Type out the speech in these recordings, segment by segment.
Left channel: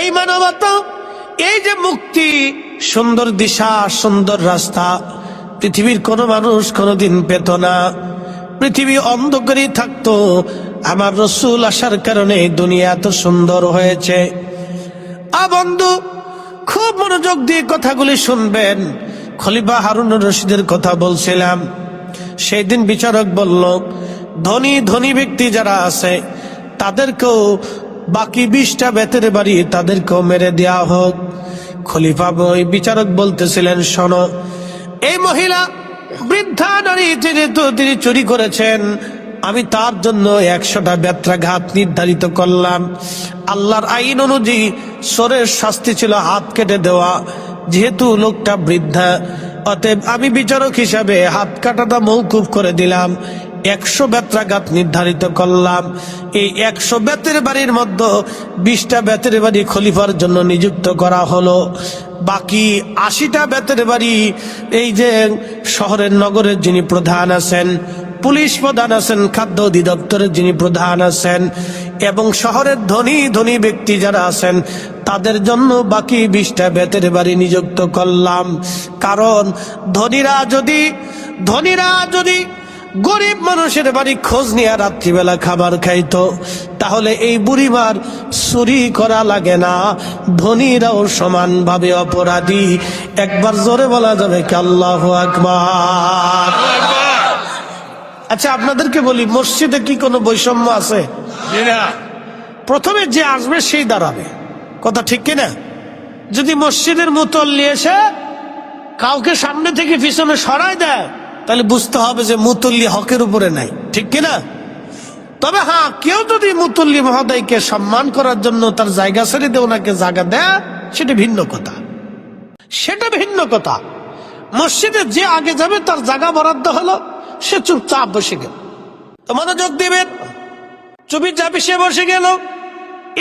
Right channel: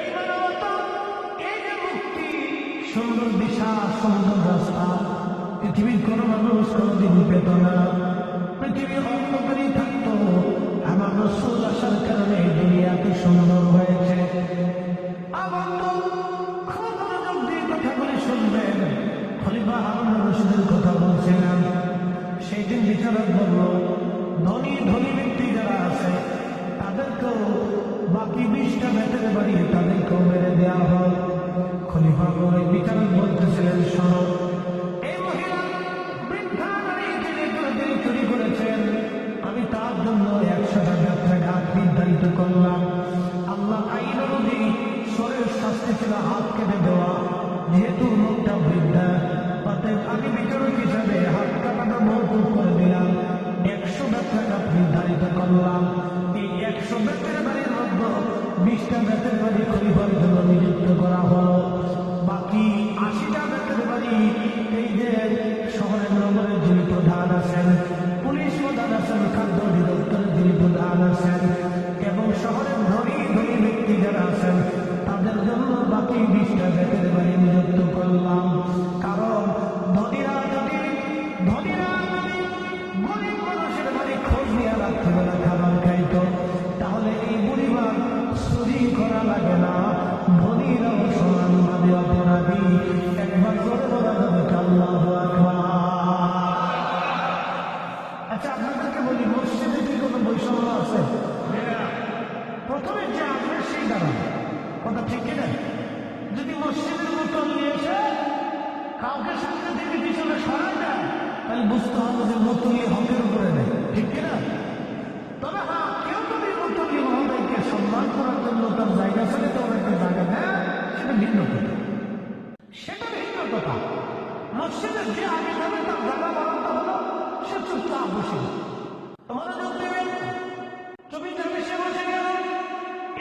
এই মানবতা, এই যে মুক্তি, সুন্দর দিশা, সুন্দর রাস্তা, পৃথিবীর কোন মানুষ কোনদিন পেত না। পৃথিবী অন্ধকারই থাকতো, আমার রসুল আসার কারণে দুনিয়া এত সুন্দর হয়েছে। বন্ধু, খুব মনোযোগ দিয়ে কথাগুলি শুনবেন। খলিফা হারুনুর রশিদের কথা বলছিলাম। সেই দিন বিচারক বলল, ধনী ধনী ব্যক্তি যারা আছে তাদেরকেও, বাকি 20টা বেতের বাড়ি তাদেরকেও মেরে দেয়া হোক। খলিফা ওই বিচারক বলতেছিলেন, শোনো, এই মহিলা বৃদ্ধা নারী তিনি চুরি করেছেন, আমি তার জন্য 100টা বেত্রাঘাত নির্ধারিত করলাম। আল্লাহর আইন অনুযায়ী চোরের শাস্তি ছিল হাত কেটে দেওয়া। যেহেতু লোকটা বৃদ্ধা, অতএব আমি বিচারক হিসাবে হাত কাটাটা মওকুফ করে দিলাম। 100 বেত্রাঘাত নির্ধারিত করলাম। এই 100 বেতের বাড়ির মধ্যে 20টা বেতের বাড়ি খলিফার জন্য নিযুক্ত করা হলো। বাকি 80টা বেতের বাড়ি এই যে শহরের নগরের যিনি প্রধান আছেন, পুলিশ প্রধান আছেন, খাদ্য অধিদপ্তরের যিনি প্রধান আছেন, এবং শহরের ধনী ধনী ব্যক্তি যারা আছেন তাদের জন্য বাকি 20টা বেতের বাড়ি নিযুক্ত করলাম। কারণ ধনীরা যদি গরিব মানুষের বাড়ি খোঁজ নিয়ে রাত্রিবেলা খাবার খাইতো, তাহলে এই বুড়িমার চুরি করা লাগে না। ধনীরাও সমানভাবে অপরাধী। একবার জোরে বলা যাবে কি আল্লাহু আকবার? আচ্ছা, আপনাদেরকে বলি, মসজিদে কি কোনো বৈষম্য আছে? প্রথমে যে আসবে সেই দাঁড়াবে, কথা ঠিক কিনা? যদি মসজিদের মুতল্লি এসে কাউকে সামনে থেকে পিছনে সরায় দেয়, তাহলে বুঝতে হবে যে মুতল্লি হকের উপরে নাই, ঠিক কিনা? তবে হ্যাঁ, কেউ যদি মুতল্লি মহোদয়কে সম্মান করার জন্য তার জায়গা ছেড়ে দিয়ে ওনাকে জায়গা দেয়, সেটা ভিন্ন কথা। মসজিদে যে আগে যাবে তার জায়গা বরাদ্দ হলো, সে চুপচাপ বসে গেল। তো মনোযোগ দিবেন, চুপচাপ সে বসে গেল।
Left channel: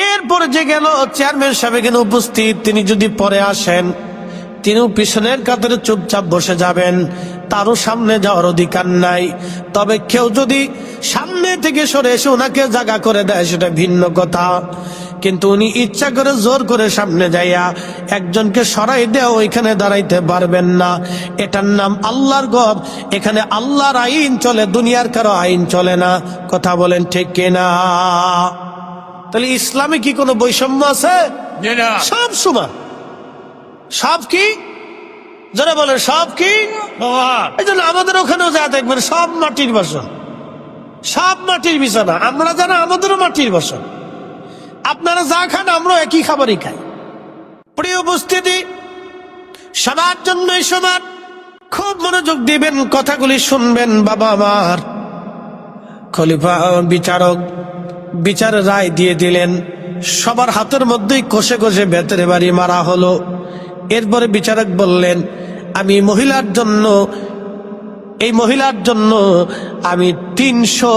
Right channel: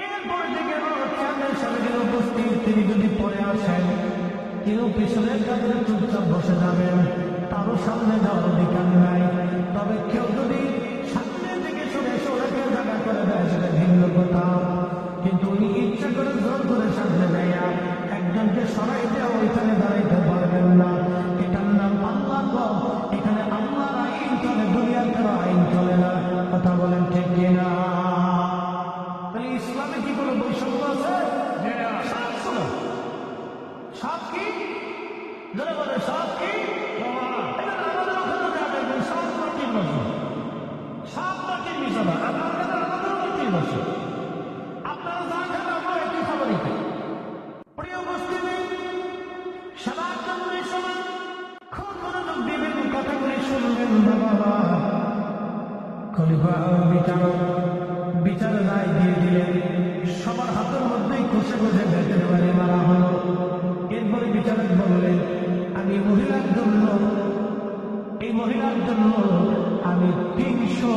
এরপরে যে গেল চেয়ারম্যান সাহেব এখানে উপস্থিত, তিনি যদি পরে আসেন, তিনিও পিছনের কাতারে চুপচাপ বসে যাবেন, তারও সামনে যাওয়ার অধিকার নাই। তবে কেউ যদি সামনে থেকে সরে এসে ওনাকে জায়গা করে দেয়, সেটা ভিন্ন কথা। কিন্তু উনি ইচ্ছা করে জোর করে সামনে যাইয়া একজনকে সরাই দেওয়া, ওইখানে দাঁড়াইতে পারবেন না। এটার নাম আল্লাহর ঘর, এখানে আল্লাহর আইন চলে, দুনিয়ার কারো আইন চলে না। কথা বলেন ঠিক কিনা? তাহলে ইসলামে কি কোনো বৈষম্য আছে? সব সমান। সব কি যারা বলে সব কি, এই জন্য আমাদের ওখানেও যা দেখবেন সব মাটির বাসন, সব মাটির বিছানা। আমরা জানা আমাদেরও মাটির বাসন। আপনারা যা খান আমরা একই খাবারই খাই। প্রিয় উপস্থিতি, সবার জন্যই সমান। খুব মনোযোগ দিবেন, কথাগুলি শুনবেন বাবা আমার। খলিফা বিচারক বিচারের রায় দিয়ে দিলেন। সবার হাতের মধ্যেই কষে কষে বেতের বাড়ি মারা হলো। এরপরে বিচারক বললেন, আমি এই মহিলার জন্য আমি 300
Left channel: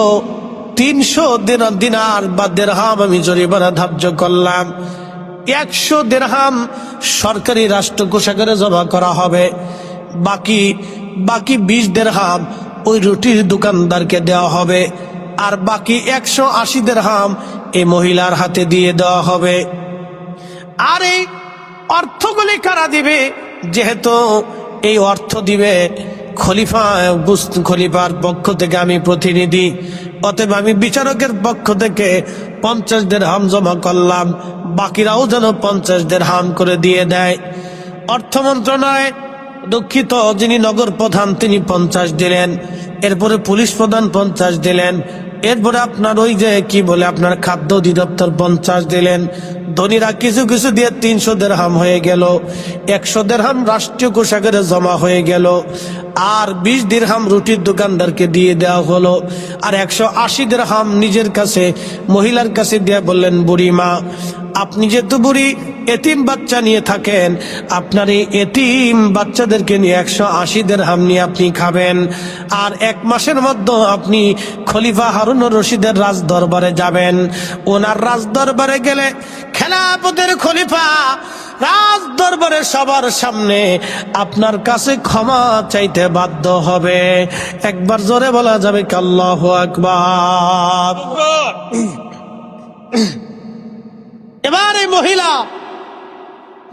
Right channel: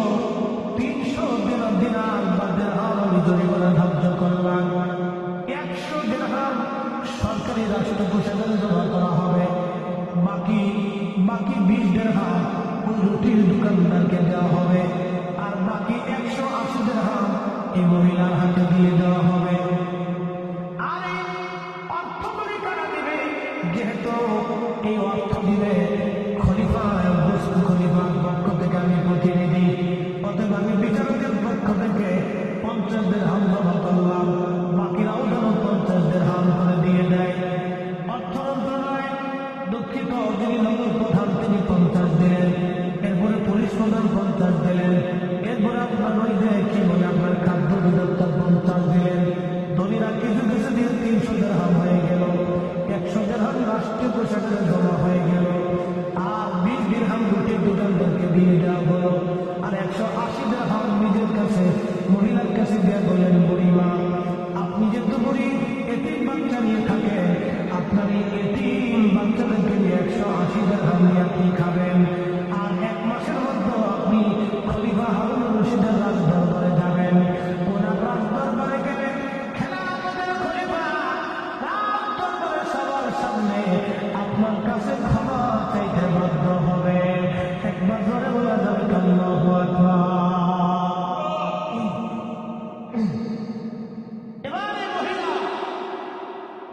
দিনার বা দেরহাম আমি জরিমানা ধার্য করলাম। 100 দেরহাম সরকারি রাষ্ট্র কোষাগারে জমা করা হবে। বাকি 20 দেরহাম ওই রুটির দোকানদারকে দেওয়া হবে। আর বাকি 180 দেরহাম এই মহিলার হাতে দিয়ে দেওয়া হবে। আর এই অর্থগুলি কারা দিবে? যেহেতু এই অর্থ দিবে খলিফার পক্ষ থেকে আমি প্রতিনিধি, অতএব আমি বিচারকের পক্ষ থেকে 50 দেরহাম জমা করলাম। বাকিরাও যেন 50 দেরহাম করে দিয়ে দেয়। অর্থ মন্ত্রণালয় দুঃখিত, যিনি নগর প্রধান তিনি 50 দিলেন। এরপরে পুলিশ প্রধান 50 দিলেন। এরপরে আপনার ওই যে কি বলে আপনার খাদ্য অধিদপ্তর 50 দিলেন। ধনীরা কিছু কিছু দিয়ে 300 দেরহাম হয়ে গেল। 100 দেরহাম রাষ্ট্রীয় কোষাগারে জমা হয়ে গেল। আর 20 দিরহাম রুটির দোকানদারকে দিয়ে দেওয়া হলো। আর 180 দিরহাম নিজের কাছে, মহিলার কাছে দিয়ে বললেন, বুড়িমা, আপনি যেহেতু বুড়ি, এতিম বাচ্চা নিয়ে থাকেন, আপনার এই এতিম বাচ্চাদেরকে নিয়ে 180 দিরহাম নিয়ে আপনি খাবেন। আর 1 মাসের মধ্যে আপনি খলিফা হারুনুর রশিদের রাজ দরবারে যাবেন। ওনার রাজ দরবারে গেলে খেলাফতের খলিফা রাজ দরবারে সবার সামনে আপনার কাছে ক্ষমা চাইতে বাধ্য হবে। একবার জোরে বলা যাবে কি আল্লাহু আকবার? এবার এই মহিলা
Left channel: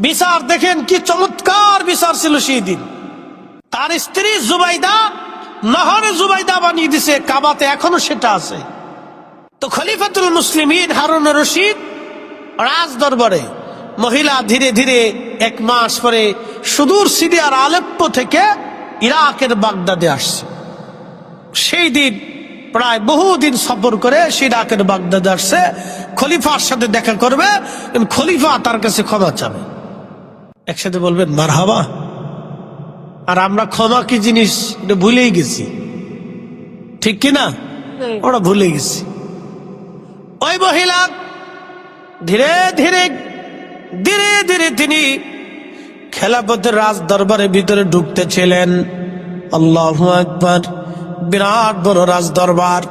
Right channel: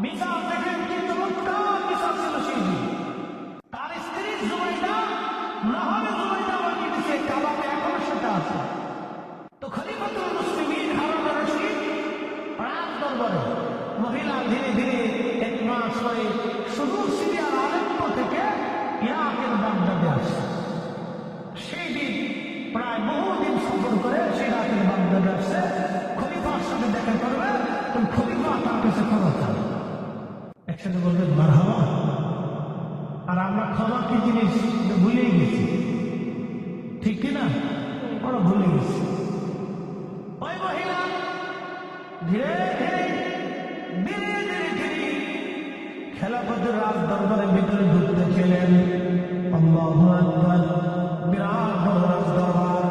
বিচার দেখেন, কি চমৎকার বিচার ছিল সেই দিন। তার স্ত্রী জুবাইদা নহরে জুবাইদা বানিয়ে দিছে, কাবাতে এখনো সেটা আছে। তো খলিফাতুল মুসলিমিন হারুন রশিদ রাজ দরবারে, মহিলা ধীরে ধীরে 1 মাস পরে সুদূর সিরিয়ার আলেপ্পো থেকে ইরাকের বাগদাদে আসছে। সেই দিন প্রায় বহুদিন সফর করে সে ইরাকের বাগদাদে আসছে, খলিফার সাথে দেখা করবে, খলিফা তার কাছে ক্ষমা চাবে। একসাথে বলবেন মারহাবা। আর আমরা ক্ষমা কি জিনিস এটা ভুলেই গেছি, ঠিক কিনা? ওরা ভুলে গেছি। ওই মহিলা ধীরে ধীরে ধীরে ধীরে তিনি খেলাফতের রাজ দরবারের ভিতরে ঢুকতেছিলেন। আল্লাহু আকবার। বিরাট বড় রাজ দরবার,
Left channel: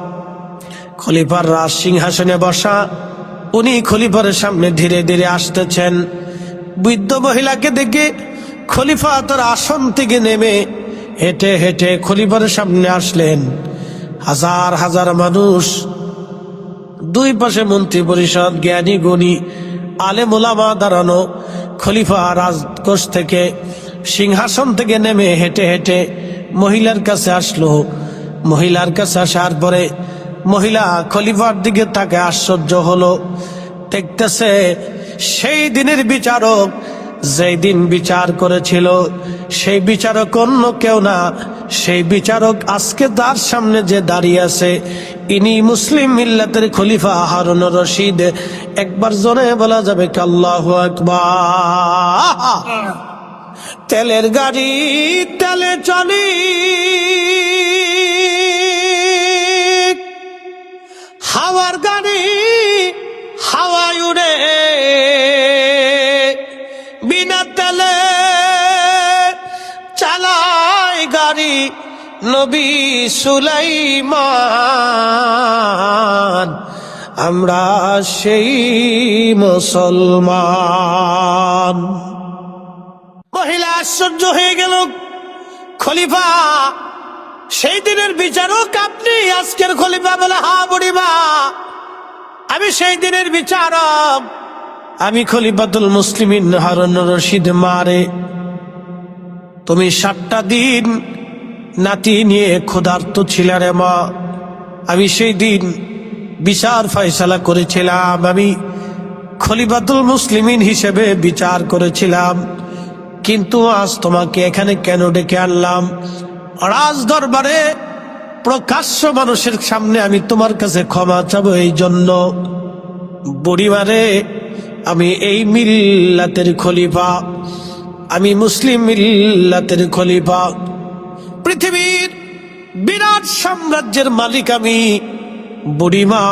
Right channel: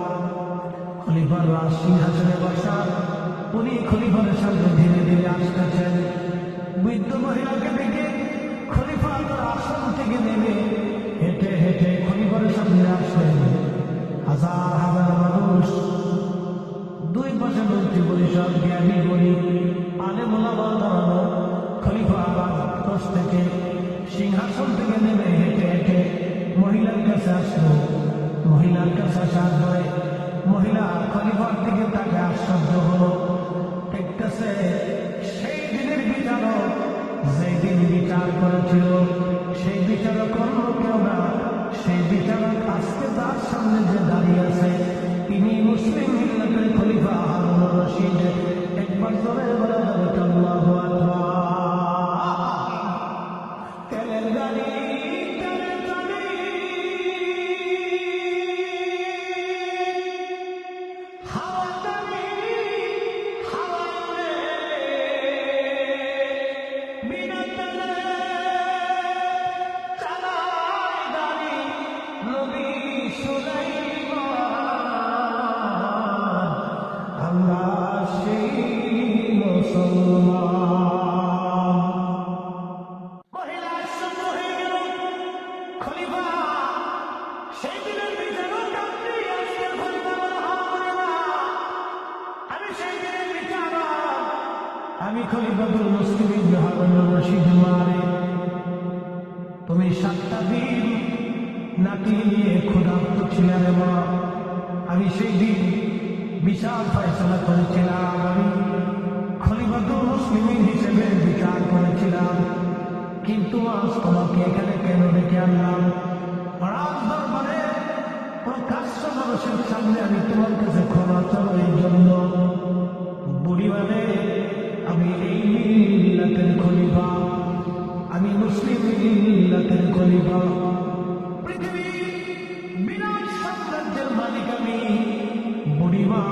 খলিফার রাজ সিংহাসনে বসা, উনি খলিফার সামনে ধীরে ধীরে আসতেছেন। বৃদ্ধ মহিলাকে দেখে খলিফা তার আসন থেকে নেমে হেঁটে হেঁটে খলিফার সামনে আসলেন। হাজার হাজার মানুষ, দুই পাশে মন্ত্রী পরিষদ, জ্ঞানী গুণী আলেম ওলামা দাঁড়ানো। খলিফা রাজকোষ থেকে সিংহাসন থেকে নেমে হেঁটে হেঁটে মহিলার কাছে আসলো। মহিলার কাছে আসার পরে মহিলা খলিফার দিকে তাকে আশ্চর্য হলো। দেখতেছে সেই দিনের বিচারক, যেই দিন বিচার করেছিল সেই বিচারক অন্য কেউ না, সেই বিচারক আজকে তার সামনে যে দাঁড়িয়ে আছে ইনি মুসলিম মিল্লাতের খলিফা হারুন রশিদ। একবার জোরে বলা যাবে কি আল্লাহু আকবার। তেলের গাড়ি তেলে চলি, হাওয়ার গাড়ি হাওয়ায় উড়ে, বিনা তেলে চালায় গাড়ি নবী সুলাইমান। আমরা সেই মুসলমান। মহিলা আশ্চর্য হয়ে গেল। খলিফা সেই দিনের বিচারক আপনি? আজকের খলিফা বলে হ্যাঁ বুড়িমা, আমি সেই দিনের বিচারক, আমি খলিফাতুল মুসলিমিন হারুন রশিদ। মারে তুমি 7টা দিন নাতি নিয়ে ক্ষুধার্ত ছিলে রে মা। আমি সেই দিন বিচার ফয়সালা করেছিলাম, আমি খলিফাতুল মুসলিমিন হিসেবে বিচার করেছিলাম। কিন্তু আজ তোমাকে এখানে কেন ডেকে আনলাম? রাজ দরবারে প্রকাশ্য মানুষের সামনে আমি তোমার কাছে ক্ষমা চাবো এই জন্য। বুড়িমারে, আমি এই মিল্লাতের খলিফা, আমি মুসলিম মিল্লাতের খলিফা, পৃথিবীর বিরাট সাম্রাজ্যের মালিক আমি বুড়িমা।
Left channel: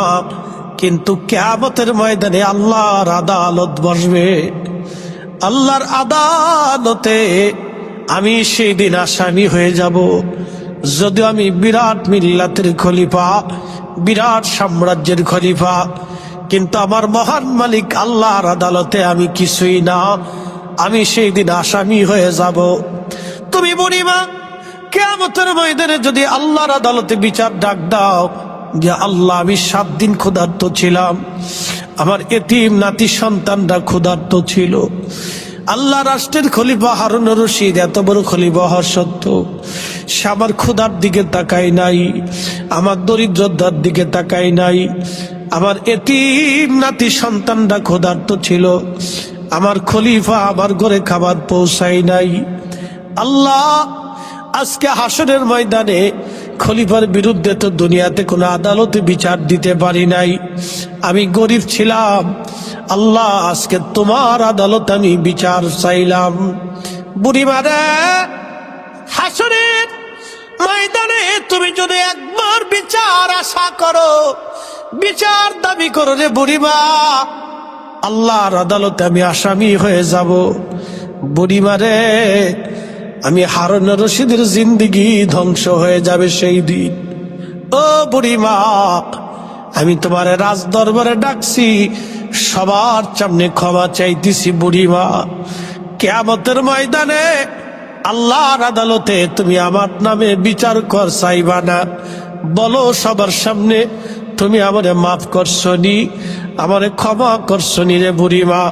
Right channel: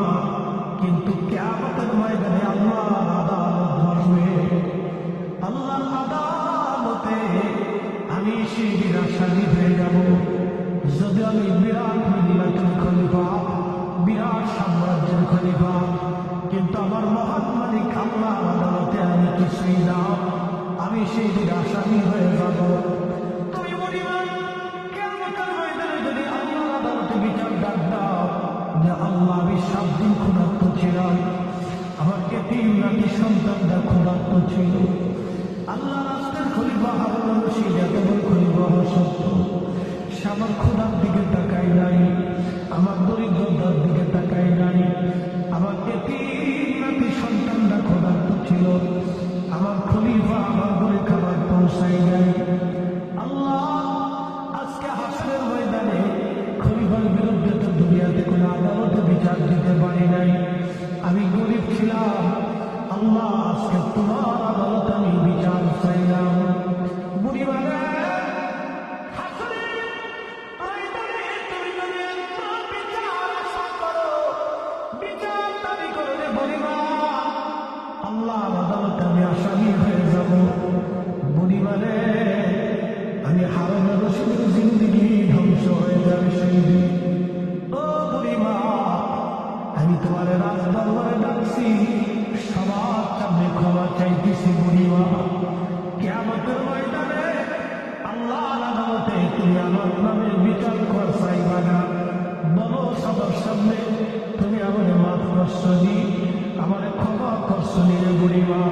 কিন্তু কিয়ামতের ময়দানে আল্লাহর আদালত বসবে, আল্লাহর আদালতে আমি সেই দিন আসামি হয়ে যাব। যদিও আমি বিরাট মিল্লাতের খলিফা, বিরাট সাম্রাজ্যের খলিফা, কিন্তু আমার মহান মালিক আল্লাহর আদালতে আমি কিছুই না, আমি সেই দিন আসামি হয়ে যাব। তুমি বুড়িমা কিয়ামতের ময়দানে যদি আল্লাহর আদালতে বিচার ডাক দাও যে আল্লাহ আমি 7 দিন ক্ষুধার্ত ছিলাম, আমার এতিম নাতি সন্তানরা ক্ষুধার্ত ছিল, আল্লাহ রাষ্ট্রের খলিফা হারুন রশিদ এত বড় খলিফা হওয়া সত্ত্বেও সে আমার ক্ষুধার দিকে তাকায় নাই, আমার দরিদ্রতার দিকে তাকায় নাই, আমার এতিম নাতি সন্তানরা ক্ষুধার্ত ছিল, আমার খলিফা আমার ঘরে খাবার পৌঁছায় নাই। আল্লাহ আজকে হাসরের ময়দানে খলিফার বিরুদ্ধে তো দুনিয়াতে কোনো আদালতে বিচার দিতে পারি নাই, আমি গরিব ছিলাম। আল্লাহ আজকে তোমার আদালত আমি বিচার চাইলাম। বুড়িমারে, হাসরের ময়দানে তুমি যদি একবার বিচার আশা করো, বিচার দাবি করো রে বুড়িমা, আল্লাহর আদালতে আমি আসামি হয়ে যাব। বুড়িমারে, আমি হারুন রশিদের জিন্দেগি ধ্বংস হয়ে যাবে সেই দিন। ও বুড়িমা, আমি তোমার রাজ দরবারে ডাকছি, সবার সামনে ক্ষমা চাইতেছি বুড়িমা। কিয়ামতের ময়দানে আল্লাহর আদালতে তুমি আমার নামে বিচার কর চাইবা না, বলো সবার সামনে তুমি আমারে মাফ করছনি, আমারে ক্ষমা করছনি রে বুড়িমা।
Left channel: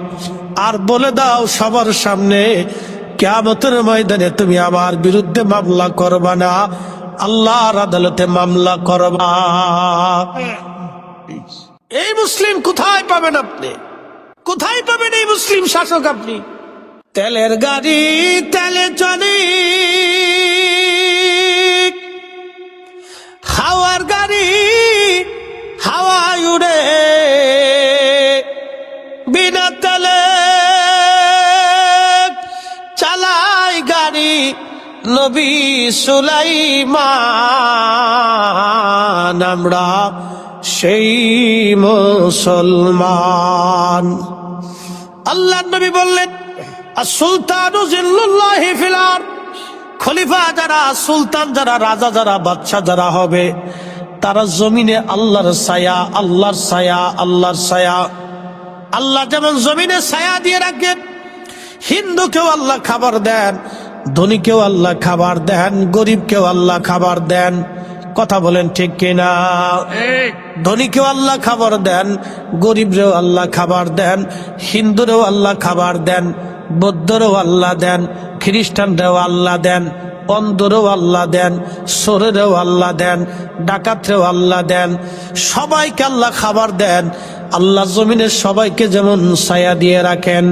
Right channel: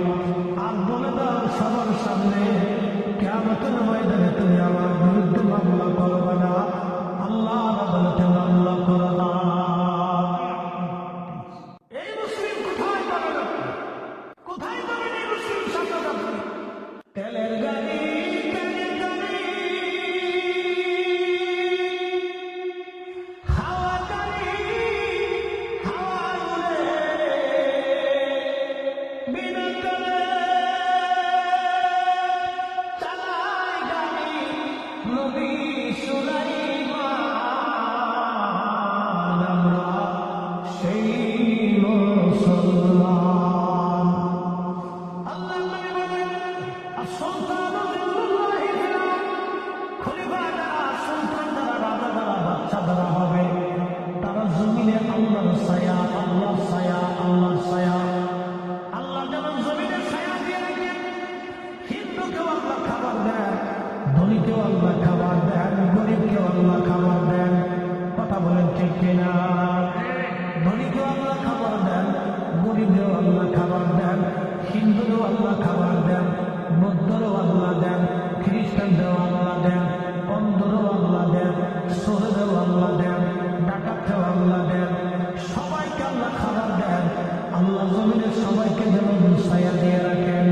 আর বলে দাও সবার সামনে কিয়ামতের ময়দানে তুমি আমার বিরুদ্ধে মামলা করবা না, আল্লাহর আদালতে মামলা করবা। এই মুসলিম কোথায় পাবেন আপনি? কোথায় পাবেন এই মুসলিম শাসক আপনি? তেলের গাড়ি তেলে চলে, হাওয়ার গাড়ি হাওয়ায় উড়ে, বিনা তেলে চালায় গাড়ি নবী সুলাইমান। আমরা সেই মুসলমান। আল্লাহ নবী বললেন, সুলতানু জিল্লুল্লাহি ফিল আরদ, খলিফা যারা, সুলতান যারা, রাজা যারা, বাদশা যারা হবে, তারা জমিনে আল্লাহর ছায়া, আল্লাহর ছায়া, আল্লাহর ছায়া। আল্লাহ যেমন জমিনে ছায়া দিয়ে রাখেন, হিন্দুকেও আল্লাহ খাবার দেন, ধনীকেও আল্লাহ খাবার দেন, গরিবকেও আল্লাহ খাবার দেন। কথা বলেন ঠিক কিনা? ধনীকেও আল্লাহ খাবার দেন, গরিবরেও আল্লাহ খাবার দেন, হিন্দুরেও আল্লাহ খাবার দেন, বৌদ্ধরেও আল্লাহ দেন, খ্রিস্টানরেও আল্লাহ দেন, অন্ধরেও আল্লাহ দেন, চোরেরও আল্লাহ দেন, ডাকাতরেও আল্লাহ দেন, সবাইকে আল্লাহ খাবার দেন। আল্লাহ জমিনের সবাইকে যেমন ছায়া দিয়ে রাখেন,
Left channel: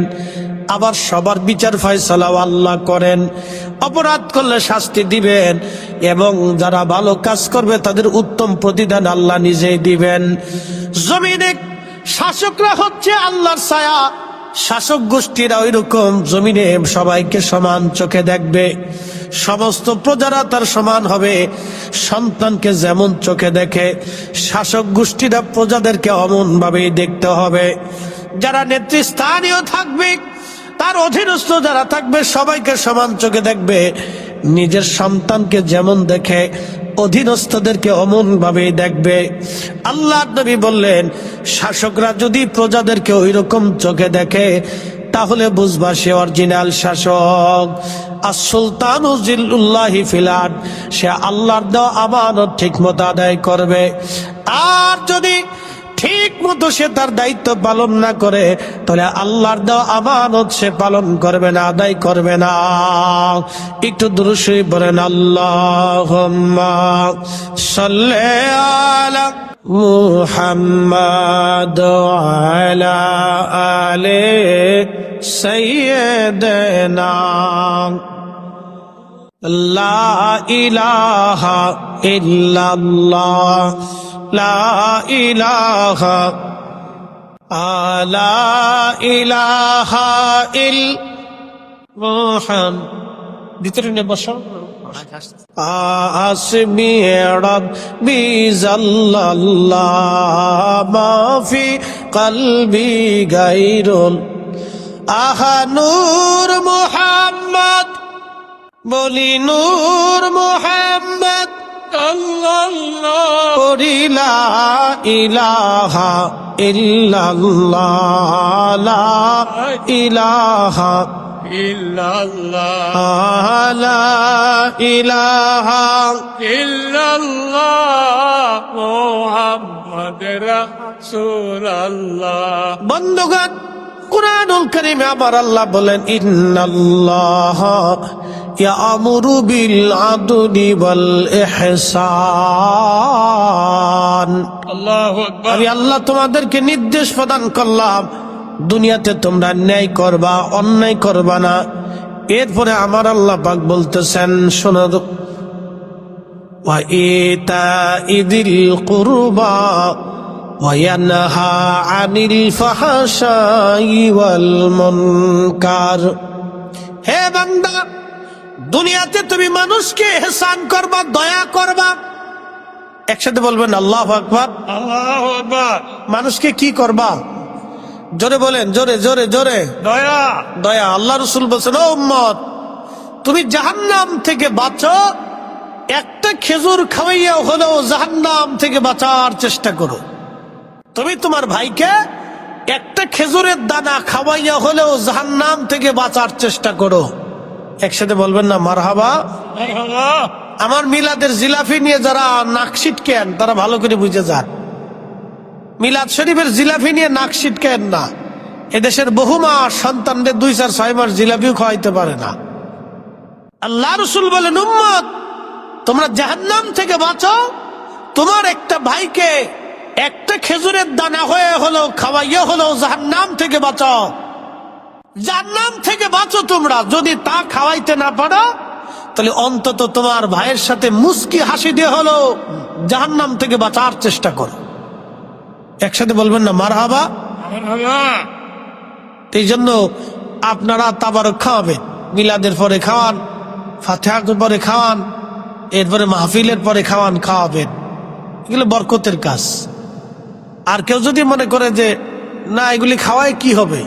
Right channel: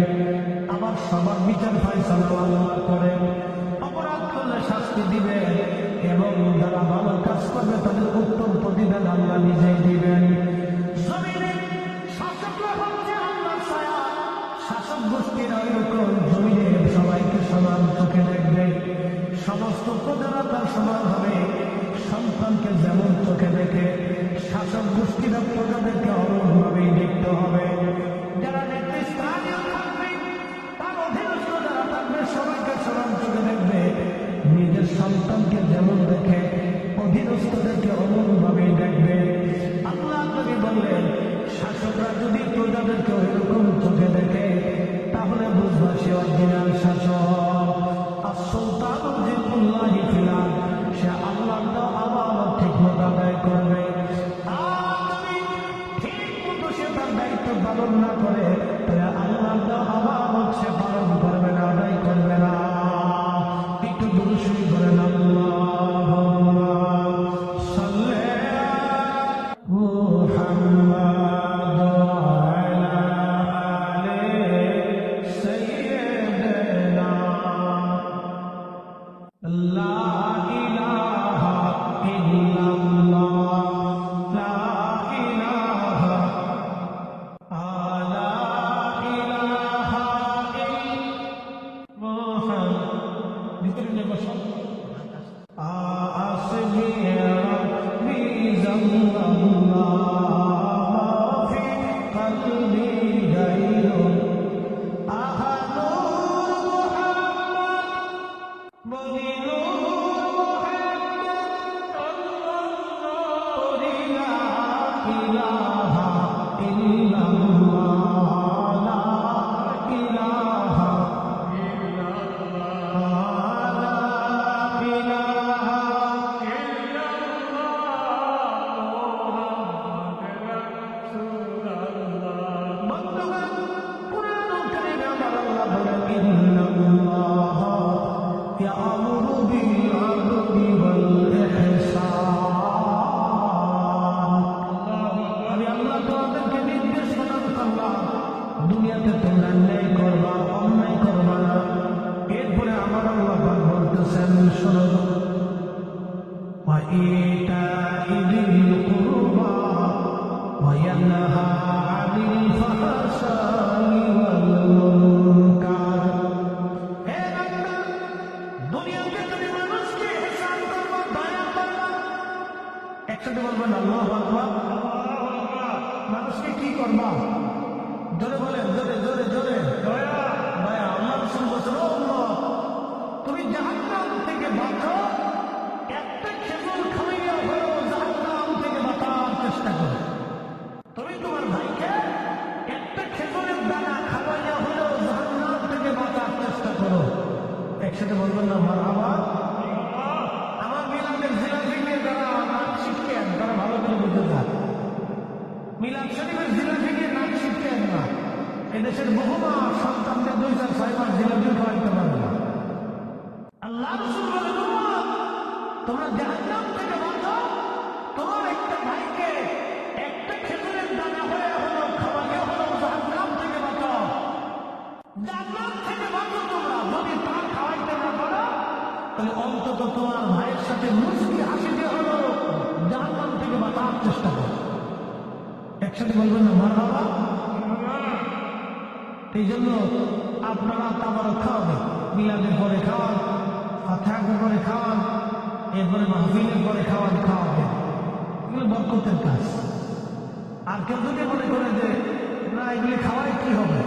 আবার সবার বিচার ফয়সালাও আল্লাহ করেন। অপরাধ করলে শাস্তি দিবেন, এবং যারা ভালো কাজ করবে তাদের উত্তম প্রতিদান আল্লাহ নিজেই দিবেন। জমিনে শাসকরা হচ্ছে আল্লাহর ছায়া, শাসক গোষ্ঠীরা ওই রকম জমিনে সবাইকে সমান চোখে দেখবে। সমস্ত প্রজারা তার সমান হবে। সন্তানকে যেমন চোখে দেখে, শাসক গোষ্ঠীরা প্রজাদেরকে অমন ভাবেই দেখতে হবে। যারা নেতৃস্থানীয় থাকবে, তার অধীনস্থ যারা থাকবে, সবাইকে সমান চোখে দেখবে। নিজের সন্তানকে যেমন দেখে, অধীনস্থদেরকে অমন ভাবেই দেখবে। আল্লাহ নবী বললেন, শাসকরা যদি প্রজাদেরকে ওই রকম চোখে দেখে, তাহলে বুঝবা সে অরিজিনাল শাসক। আর সুলতানু জিল্লুল্লাহি ফিল আরদ, সে আল্লাহর দেওয়া আমানত ঠিক মতো আদায় করবে। আর যদি ঠিক মতো সে তার দায়িত্ব পালন না করে, তাহলে আল্লাহর দেওয়া আমানত সে পালন করবে না, আদায় করবে না। একটু দুরূদ শরীফ পড়েন, আল্লাহুম্মা সাল্লি আলা মুহাম্মাদ ওয়া আলা আলি সাইয়্যিদিনা। লা ইলাহা ইল্লাল্লাহ, লা ইলাহা লা ইলাহা ইল্লাল্লাহ। ভিতরে নে বসো। আসমি রব্বি জাল্লাল্লাহ, মা ফি কলবি গায়রুল। আহা নূর মুহাম্মদ, বলি নূর মুহাম্মদ, লা ইলাহা ইল্লাল্লাহ, লা ইলাহা ইল্লাল্লাহ, লা ইলাহা ইল্লাল্লাহ, মুহাম্মাদুর রাসূলুল্লাহ। বন্ধুগণ, কুরআনুল কারীমে আমার আল্লাহ বলেন, ইন্নাল্লাহা ইয়ামুরু বিল আদলি ওয়াল ইহসান। আল্লাহু আকবার। আমি আল্লাহ তোমাদেরকে নির্দেশ প্রদান করলাম, দুনিয়াতে তোমরা ন্যায় করবা, অন্যায় করবা না। এরপরে আমার আল্লাহ পাক বলতেছেন, শোনো, ওয়া ইতাইদিল কুরবা ওয়া ইয়ানহা আনিল ফাহশাই ওয়াল মুনকার। হে বান্দা, দুনিয়াতে তুমি মানুষকে ইহসান করবা, দয়া করবা। একসাথে বলবেন আল্লাহু আকবার, আল্লাহু আকবার। মানুষকে কি করবা? জোরে বলেন, জোরে জোরে জোরে। দয়া, দয়া। আল্লাহ রাসূল বলেছেন, ও উম্মত, তুমি জাহান্নাম থেকে বাঁচো, একটা খেজুর খাওয়াইয়া হলেও জাহান্নাম থেকে বাঁচার চেষ্টা করো। তুমি তোমার ভাইকে একটা খেজুরের দানা খাওয়াইয়া হলেও জাহান্নাম থেকে বাঁচার চেষ্টা করো। একসাথে বলবেন না মারহাবা। আমার মিলাদের জিলাফি নিয়ে যারা নাক ছিটকেন, তারা ভালো করে বুঝে যান। মিলাদ শরীফের জিলাপি নিয়ে নাক ছিটকেন না। এদেশের বহু মা সন্তানদের 2-4-6 মাস জিলাপিও খাওয়াইতে পারে না। আল্লাহ রাসূল বলেন, উম্মত তোমরা জাহান্নাম থেকে বাঁচো, তোমার একটা ভাইকে একটা খেজুরের দানা হয়ে হলো খাওয়াইয়া হলো জাহান্নাম থেকে বাঁচাও। জাহান্নাম থেকে বাঁচো তোমরা। যদি তা খাওয়াইতে না পারো তাহলে অন্তত তোমার ভাইয়ের সাথে মুস্কি হাসি দিয়ে হলো জাহান্নাম থেকে বাঁচার চেষ্টা করো। একসাথে বলবেন না মারহাবা? এই জন্য আপনারা তাবারক খাওয়াবেন, মিলাদের পরে খাওয়ান, ফাতিহার পরে খাওয়ান, এরপরে মাহফিলের পরে খাওয়াবেন। এগুলো বরকতের কাজ। আর কেউ যদি মনে করে যে না এগুলি খাওয়ায় কি হবে,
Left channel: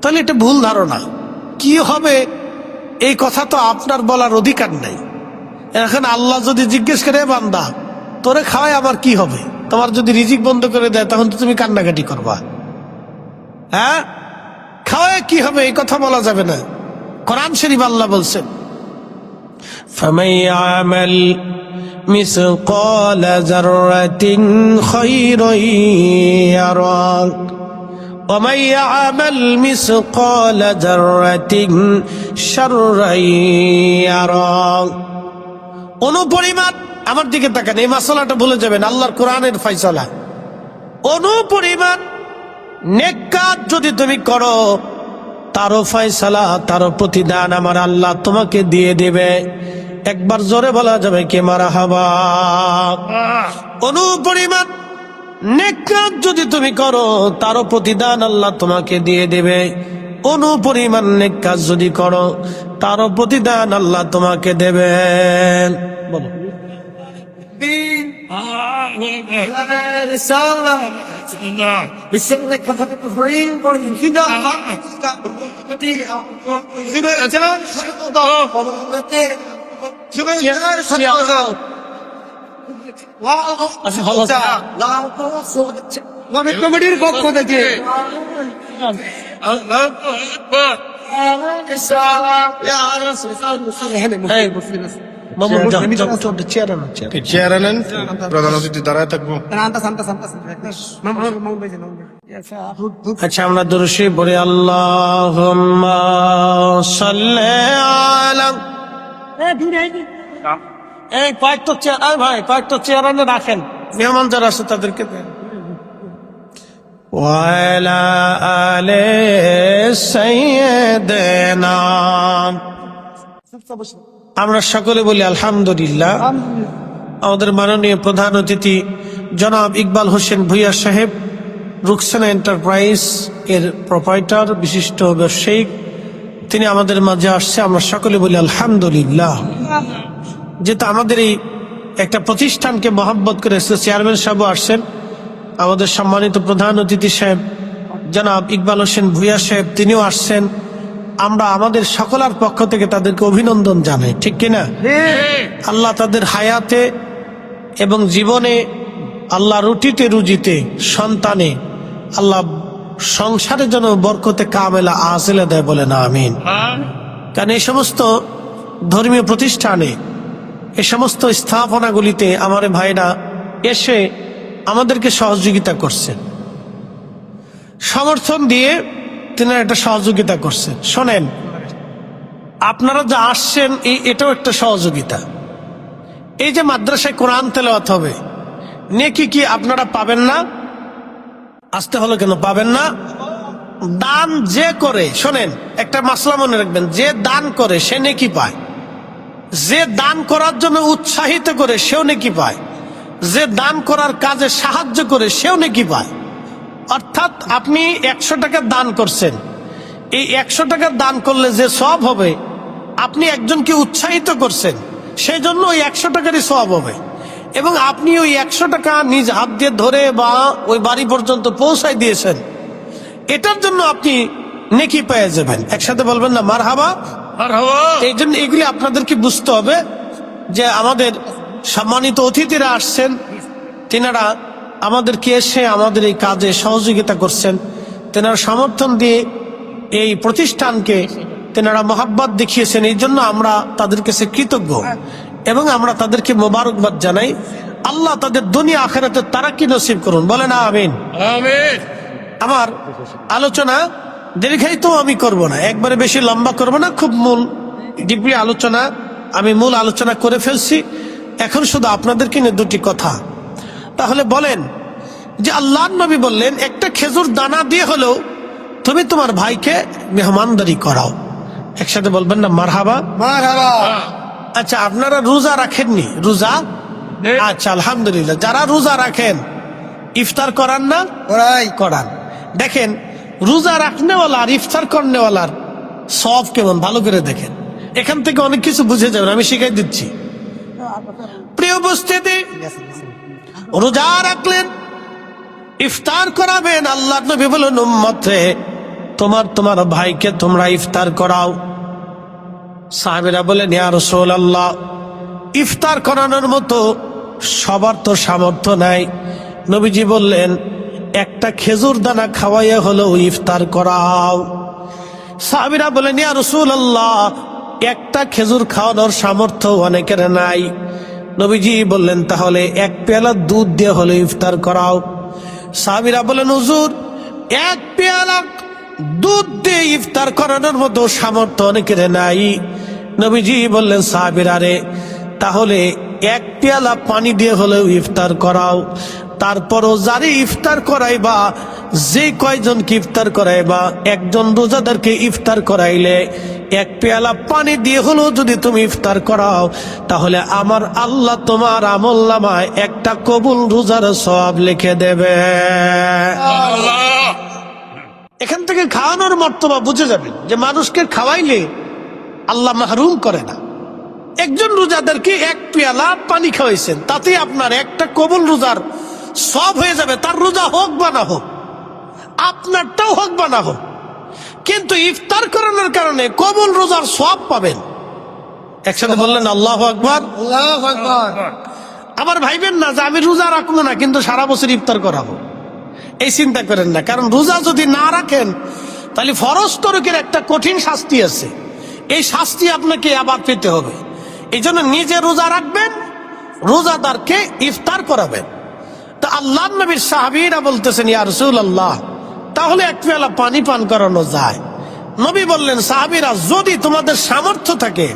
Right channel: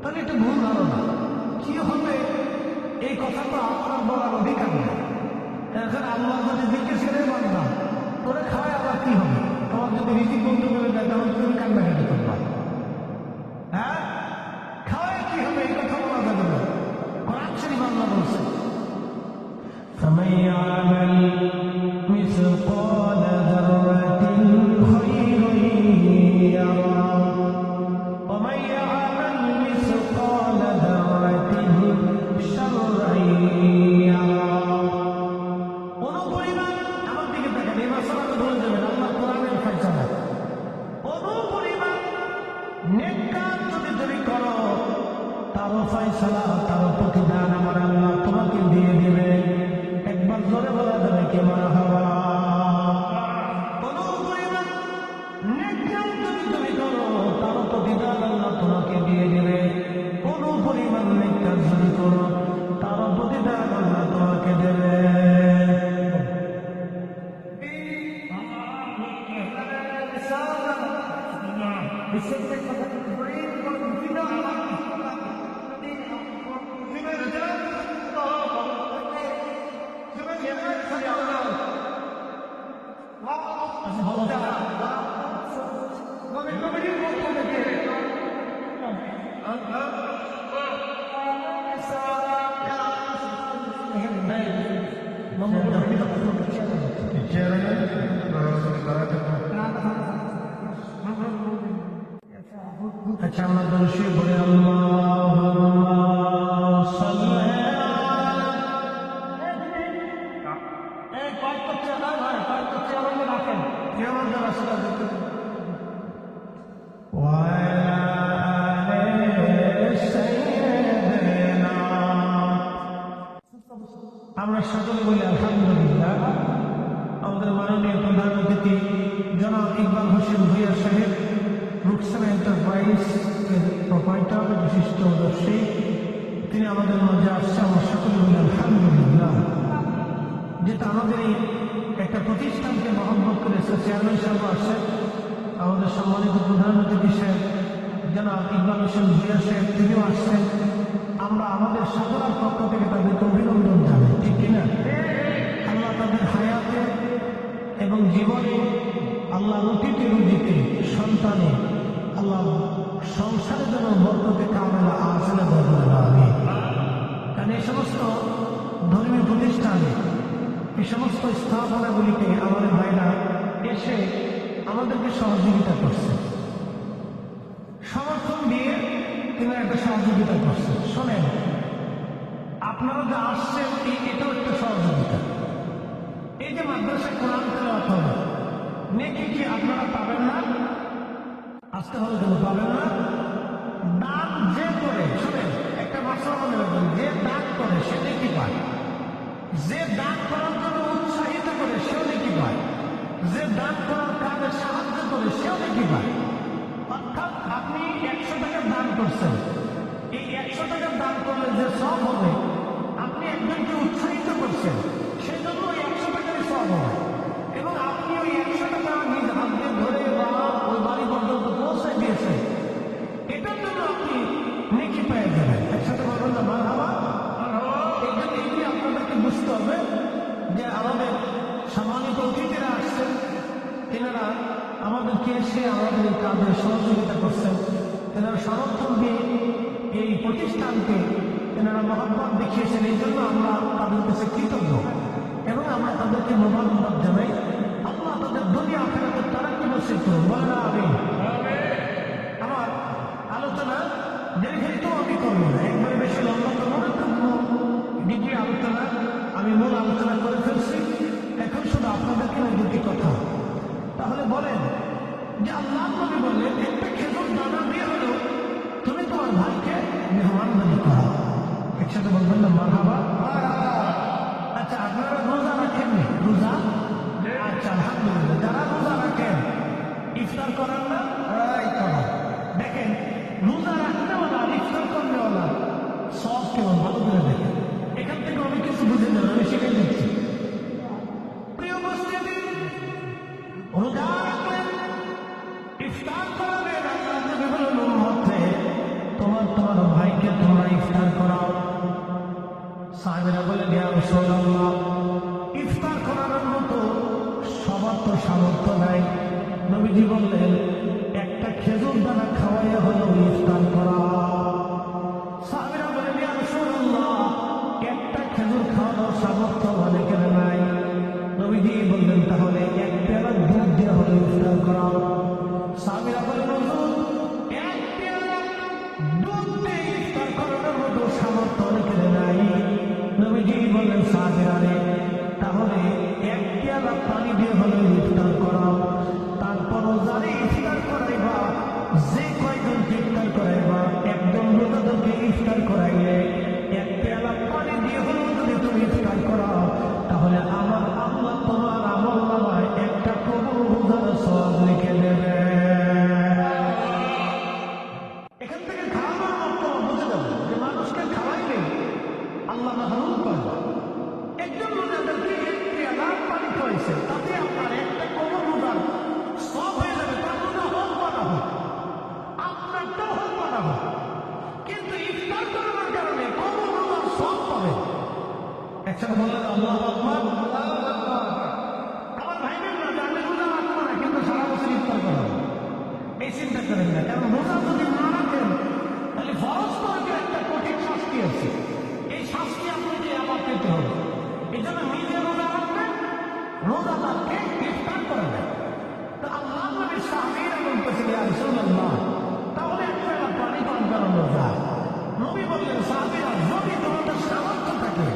তাহলে এটা ভুল ধারণা। কি হবে এই কথা তো আপনার বলার অধিকার নেই। এখন আল্লাহ যদি জিজ্ঞেস করে, বান্দা তোরে খাওয়ায় আমার কি হবে, তোমার যদি রিজিক বন্ধ করে দেয় তখন তো তুমি কান্নাকাটি করবা। হ্যাঁ, খাওয়ায় কি হবে এই কথা বলা যাবে না। কোরআন শরীফ আল্লাহ বলছেন, ফামান ইয়ামাল মিসকাল যাররাতিন খায়রান ইয়ারা ওয়া মান ইয়ামাল মিসকাল যাররাতিন শাররান ইয়ারা। অনুপরিমাণ, আমার দিকে তাকান, এই মাসালাটা ভুলে যাবেন, আল্লাহর কোরআনের ফয়সালা। অনুপরিমাণ নেক কাজ যদি তুমি করো তারও ফয়সালা, তারও প্রতিদান আমার আল্লাহ তোমাকে দিয়ে দিবে। একবার জোরে বলা যাবে কি মারহাবা? অনুপরিমাণ নেক কাজ যদি তুমি করো তারও প্রতিদান আল্লাহ তোমাকে দিয়ে দিবে। অনুপরিমাণ নেক কাজ যদি করো তারও প্রতিদান আল্লাহ তোমাকে দেবেন। বলো। কমিটির পক্ষ থেকে চেয়ার আনেন, প্রধান অতিথি দাঁড়ায় থাকবো। আচ্ছা, আমরা দুরূদ শরীফ পড়ি। আল্লাহুম্মা সাল্লি আলা। এই কয়েকটা চেয়ার, ভাই কয়েকটা চেয়ার আনে রাখেন, মেহমান যারা আছে তাদেরকে দেন। ওয়া আলা আলি সাইয়্যিদিনা। আমরা সকলে বলি আলহামদুলিল্লাহ। আমাদের মাননীয় প্রধান অতিথি জনাব ইকবাল হোসেন ভূঁইয়া সাহেব, রুকসানা এন্টারপ্রাইজ এর প্রোপাইটার, বিশিষ্ট ব্যবসায়িক, তিনি আমাদের মাঝে আসছে। আমরা সকলে বলি আলহামদুলিল্লাহ। যেহেতু আমাদের এই একটা প্রতিষ্ঠানকে মহব্বত করে চেয়ারম্যান সাহেব আসছেন, আমাদের সম্মানিত প্রধান অতিথি সাহেব জনাব ইকবাল হোসেন ভূঁইয়া সাহেব তিনিও আসছেন। আমরা আমাদের সকলের পক্ষ থেকে তাদেরকে অভিনন্দন জানাই, ঠিক কিনা? আল্লাহ তাদের হায়াতে এবং জীবনে, আল্লাহ রুটিতে রুজিতে, সন্তানে, আল্লাহ সংসারের জন্য বরকতে কামেলা আজেলে দেয়, বলেন আমিন। কারণ এই সমস্ত ধর্মীয় প্রতিষ্ঠানে, এই সমস্ত স্থাপনাগুলিতে আমার ভাইরা এসে আমাদেরকে সহযোগিতা করছেন, সমর্থন দিয়ে তিনারা একটা সহযোগিতা করছে। শোনেন, আপনারা যা আসছেন এটাও একটা সহযোগিতা। এই যে মাদ্রাসায় কোরআন তেলাওয়াত হবে, নেকি কি আপনারা পাবেন না? আসতে হলো কেন? পাবেন না? দান যে করে, শোনেন একটা মাসলা মনে রাখবেন, যে দান করে সে নেকি পায়, যে দান করার জন্য উৎসাহিত করে সেও নেকি পায়, যে দান করার কাজে সাহায্য করে সেও নেকি পায়। অর্থাৎ আপনি 100 টাকা দান করছেন, এই 100 টাকা দান করলে যে সওয়াব হবে, আপনি একজনকে উৎসাহিত করছেন, সেই জন্য ওই 100 টাকারই সওয়াব হবে। এবং আপনি ওই 100 টাকা নিজ হাত দিয়ে ধরে বা ওই বাড়ি পর্যন্ত পৌঁছায় দিয়েছেন, এটার জন্য আপনি নেকি পেয়ে যাবেন। একসাথে বলবেন না মারহাবা? এই জন্য এগুলি আপনাদেরকে বুঝতে হবে যে আমাদের সম্মানিত অতিথিরা আসছেন, তিনারা আমাদেরকে এসে আমাদের এই কাজে সহযোগিতা করছেন, তেনারা সমর্থন দিয়ে এই প্রতিষ্ঠানকে তেনারা মহাব্বত দেখিয়েছেন। এই জন্য আমরা তাদের কাছে কৃতজ্ঞ এবং আমরা তাদেরকে মোবারকবাদ জানাই। আল্লাহ তাদের দুনিয়া আখিরাতে তারাক্কি নসিব করুন, বলেন আমিন। আমিন। আমার আলোচনা দীর্ঘায়িত আমি করব না, একবারে বেশি লম্বা করব না, খুব মূল ডিপি আলোচনা, আমি মূল আলোচনা করে ফেলছি। এখন শুধু আপনাদেরকে নিয়ে দুটি কথা। তাহলে বলেন যে আল্লাহর নবী বললেন একটা খেজুর দানা দিয়ে হলেও তুমি তোমার ভাইকে মেহমানদারি করাও। একসাথে বলবেন না মারহাবা। মারহাবা। আচ্ছা, আপনারা রোজা রাখেননি? রোজা, আচ্ছা আলহামদুলিল্লাহ। যারা রোজা রাখেন ইফতার করান না? করান। দেখেন রোজা রাখনেওয়ালা আর ইফতার করনেওয়ালার সব কেমন, ভালো করে দেখেন। এখান থেকে অনেক কিছু বুঝে যাবেন, আমি শিখাই দিচ্ছি। প্রিয় উপস্থিতি, রোজা রাখলেন, ইফতার করাবেন। আল্লাহ নবী বলেন উম্মতে তোমার ভাইকে তোমরা ইফতার করাও। সাহাবীরা বলেন ইয়া রাসূলুল্লাহ, ইফতার করানোর মতো সবার তো সামর্থ্য নাই। নবীজি বললেন একটা খেজুর দানা খাওয়াইয়া হলেও ইফতার করাও। সাহাবীরা বলেন ইয়া রাসূলুল্লাহ, একটা খেজুর খাওয়ানোর সামর্থ্য অনেকের নাই। নবীজি বললেন তাহলে এক পেয়ালা দুধ দিয়ে হলে ইফতার করাও। সাহাবীরা বলেন হুজুর, এক পেয়ালা দুধ দিয়ে ইফতার করানোর মতো সামর্থ্য অনেকের নাই। নবীজি বললেন সাহাবীরা রে, তাহলে এক পেয়ালা পানি দিয়ে হলেও ইফতার করাও। তারপরও যারে ইফতার করাইবা, যে কয়জনকে ইফতার করাইবা, একজন রোজাদারকে ইফতার করাইলে এক পেয়ালা পানি দিয়ে হলেও যদি তুমি ইফতার করাও, তাহলে আমার আল্লাহ তোমার আমলনামায় একটা কবুল রোজার সওয়াব লিখে দেবে। এখান থেকে খাওয়ানোর মর্তবা বুঝে যাবেন যে মানুষকে খাওয়াইলে আল্লাহ মাহরুম করে না। একজন রোজাদারকে এক পেয়ালা পানি খাওয়াইছেন, তাতে আপনার একটা কবুল রোজার সব হয়ে যাবে। তার রোজা হোক বা না হোক, আপনারটাও হোক বা না হোক, কিন্তু ইফতার করানোর কারণে কবুল রোজার সব পাবেন। একসাথে বললেন আল্লাহু আকবার। আল্লাহু আকবার। আবার ভাইবেন না যে আমি রোজা রাখবো না কিন্তু সারা বছর ইফতার করাবো, এই চিন্তা করেন না। কারণ রোজা যদি না রাখেন তাহলে ফরজ তরকের একটা কঠিন শাস্তি আছে, এই শাস্তি আপনাকে আবার পেতে হবে। এই জন্য নিজে রোজা রাখবেন, রোজাদারকে ইফতার করাবেন। তো আল্লাহ নবীর সাহাবীরা বলতেছেন ইয়া রাসূলুল্লাহ, তাহলে এক পেয়ালা পানি পান করানো যায়? নবী বললেন সাহাবীরা, যদি তোমাদের সামর্থ্য থাকে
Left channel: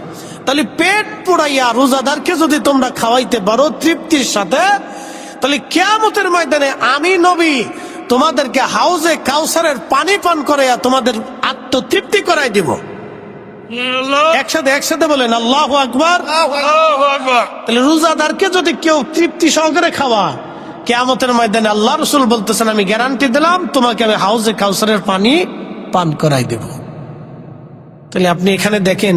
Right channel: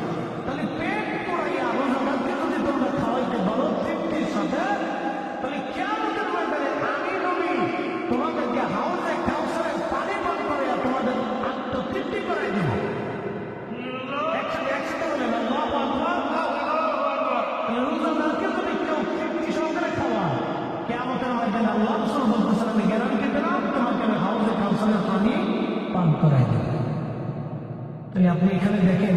তাহলে পেট পুড়াইয়া রোজাদারকে যদি তোমরা খাওয়াইতে পারো তৃপ্তির সাথে, তাহলে কিয়ামতের ময়দানে আমি নবী তোমাদেরকে হাউজে কাউসারের পানি পান করাইয়া তোমাদের আত্মতৃপ্তি করাই দিব। একসাথে বলেন আল্লাহু আকবার। তাহলে রোজাদারকে যদি কেউ তৃপ্তি সহকারে খাওয়া, কিয়ামতের ময়দানে আল্লাহ রাসূল বলতেছেন আমি গ্যারান্টি দিলাম তোমাকে আমি হাউজে কাউসারের পানি পান করাই দেব। তাহলে আপনি এখানে দেখেন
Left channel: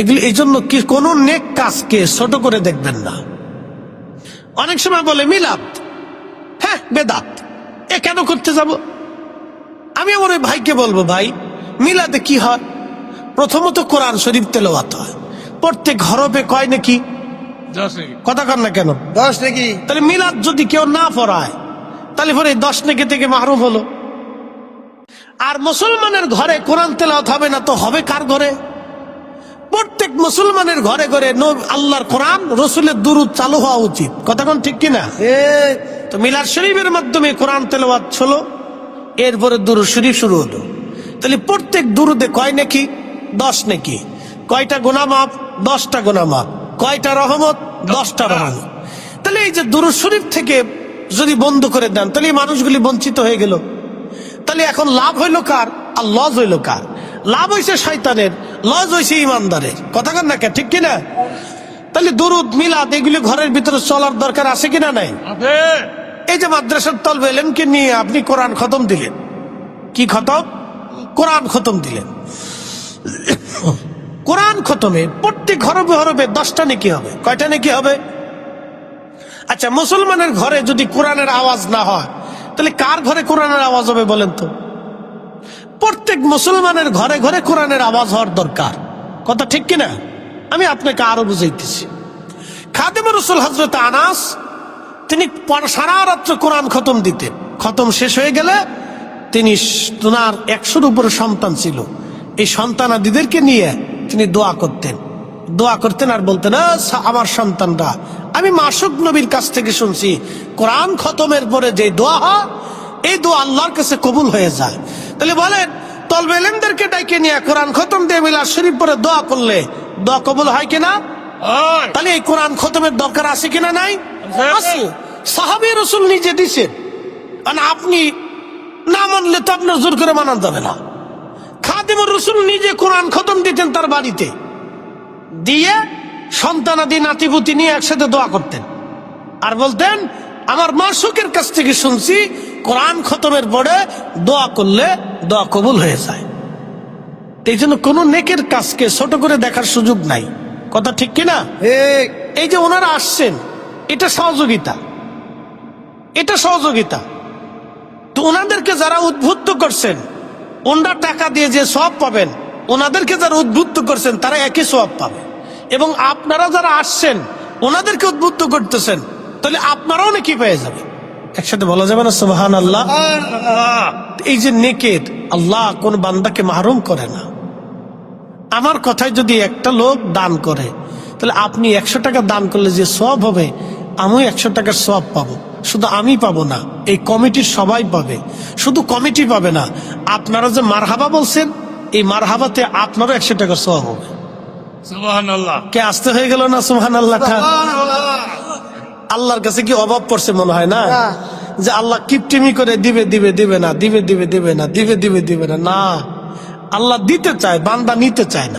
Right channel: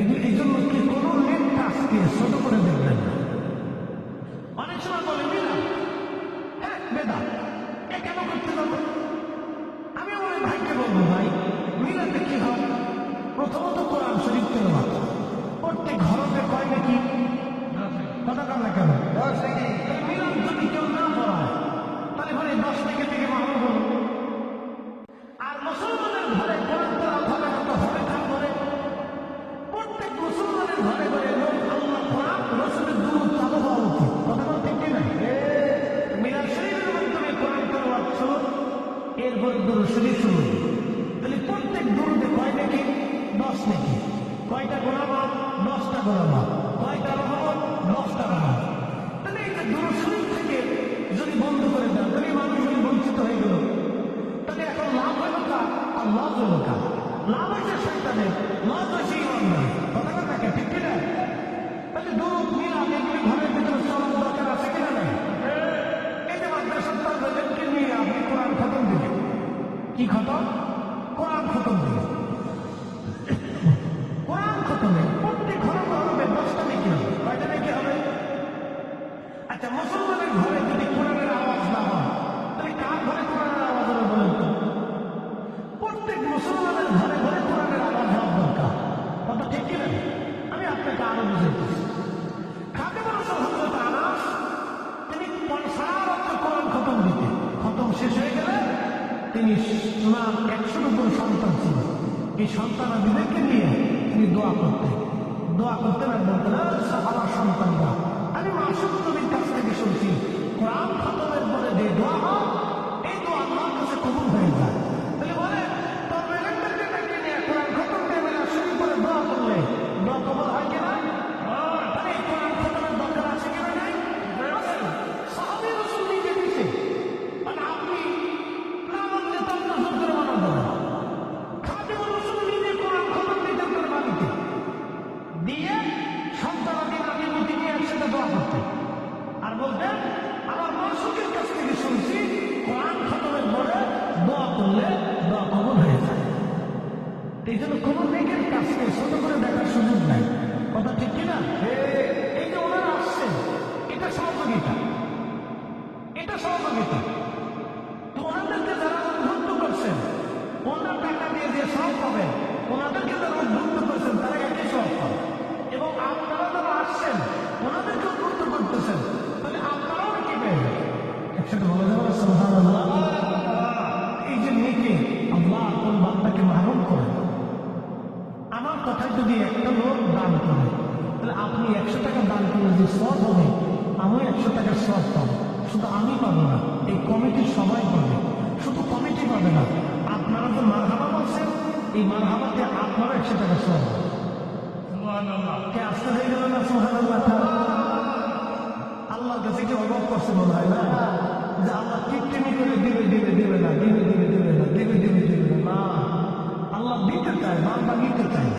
এগুলি, এই জন্য কি কোন নেক কাজকে ছোট করে দেখবেন না। অনেক সময় বলে মিলাদ, হ্যাঁ বেদাত, এ কেন করতে যাব? আমি আমার ওই ভাইকে বলবো, ভাই মিলাদে কি হয়? প্রথমত কোরআন শরীফ তেলাওয়াত হয়, প্রত্যেক হরফে কয় নাকি? কথা কর না কেন? 10 নাকি। তাহলে মিলাদ যদি কেউ না পড়ায় তাহলে পরে 10 নেকি থেকে মাহরুম হলো। আর মুসলমানের ঘরে কোরআন তেলাওয়াত হবে না তো হবে কার ঘরে? প্রত্যেক মুসলমানের ঘরে ঘরে আল্লাহর কোরআন রসুলের দুরূদ চালু হওয়া উচিত। কথা কোন ঠিক কিনা? তো মিলাদ শরীফের মাধ্যমে কোরআন তেলাওয়াত হলো, এরপরে দুরূদ শরীফ শুরু হলো। তাহলে প্রত্যেক দুরুদে কয় নাকি? 10 নাকি। কয়টা গুনাহ মাফ? 10টা গুনাহ মাফ। কয়টা রহমত? 10টা রহমত। তাহলে এই যে দুরূদ শরীফ থেকে যদি বন্ধ করে দেন তাহলে এই মানুষগুলি বঞ্চিত হয়ে গেল। তাহলে এখন লাভ হইল কার আর লস হইল কার? লাভ হয়েছে শয়তানের, লস হয়েছে ইমানদারের। কথা কন না কে, ঠিক কিনা? তাহলে দুরুদ মিলাদ এগুলি ঘরের ভিতরে চলার দরকার আছে কিনা নাই? এই যে মাদ্রাসার তলবে এলেমকে নিয়ে আপনি কোরআন খতম দিলেন, কি খতম? কোরআন খতম দিলেন। কোরআন খতমে প্রত্যেক হরফে হরফে 10টা নেকি হবে। কয়টা নেকি হবে? আচ্ছা, মুসলমানের ঘরে যদি কোরআনের আওয়াজ না হয় তাহলে কার ঘরে কোরআনের আওয়াজ হবে বলেন তো? প্রত্যেক মুসলমানের ঘরে ঘরে কোরআনের আওয়াজ হওয়ার দরকার। কথা ঠিক কিনা? আমি আপনাকে আরো বুঝাইতেছি। খাদেমুর রাসূল হযরত আনাস, তিনি সারা রাত্র কোরআন খতম দিতেন। খতম শেষ হয়ে গেলে তিনি, ওনার 100-র উপরে সন্তান ছিল, এই সন্তানাদিদেরকে নিয়ে তিনি দোয়া করতেন দোয়া করতেন আর বলতেন, আমার সন্তানরা, আমি মাসুক নবীর কাছ থেকে শুনছি কোরআন খতমের পরে যে দোয়া হয় এই দোয়া আল্লাহর কাছে কবুল হয়ে যায়। তাহলে বলেন, তলবে ইলমদেরকে ডাইকে নিয়ে কোরআন খতম দিয়ে মিলাদ শরীফ পরে দোয়া করলে দোয়া কবুল হয় কিনা? তাহলে এই কোরআন খতমের দরকার আছে কিনা? নাই, আছে। সাহাবী রাসূল নিজে দিছেন, আর আপনি না মানলে তো আপনার জোর করে মানা যাবে না। খাদিমুর রাসূল নিজে কোরআন খতম দিতেন তার বাড়িতে, দিয়ে সন্তানাদি নাতিপুতি নিয়ে একসাথে দোয়া করতেন আর বলতেন, আমার মাসুকের কাছ থেকে শুনছি কোরআন খতমের পরে দোয়া করলে দোয়া কবুল হয়ে যায়। এই জন্য কোন নেকের কাজকে ছোট করে দেখার সুযোগ নাই। কথা ঠিক কিনা? এই যে ওনারা আসছেন, এটা সহযোগিতা, এটা সহযোগিতা। তো ওনাদেরকে যারা উদ্বুদ্ধ করছেন, ওনারা টাকা দিয়ে যে সওয়াব পাবেন, ওনাদেরকে যারা উদ্বুদ্ধ করছেন তারা একই সওয়াব পাবে। এবং আপনারা যারা আসছেন ওনাদেরকে উদ্বুদ্ধ করতেছেন, তাহলে আপনারাও নাকি পেয়ে যাবেন। একসাথে বলা যাবে না সুবহানাল্লাহ? এই যে নেকের, আল্লাহ কোন বান্দাকে মাহরুম করে না। আমার কথায় যদি একটা লোক দান করে, তাহলে আপনি 100 টাকা দান করলে যে সওয়াব হবে, আমিও 100 টাকার সওয়াব পাবো। শুধু আমি পাবো না, এই কমিটির সবাই পাবে। শুধু কমিটি পাবে না, আপনারা যে মারহাবা বলছেন, এই মারহাবাতে আপনারও 100 টাকার সওয়াব হবে। সুবহানাল্লাহ। কে আসতে হয়ে গেল না সুবহানাল্লাহ? আল্লাহর কাছে কি অভাব পড়ছে মনে হয় না? যে আল্লাহ কিপটিমি করে দিবে দিবে দিবে না, দিবে দিবে দিবে না, দিবে দিবে দিবে না। না, আল্লাহ দিতে চায়, বান্দা নিতে চায় না।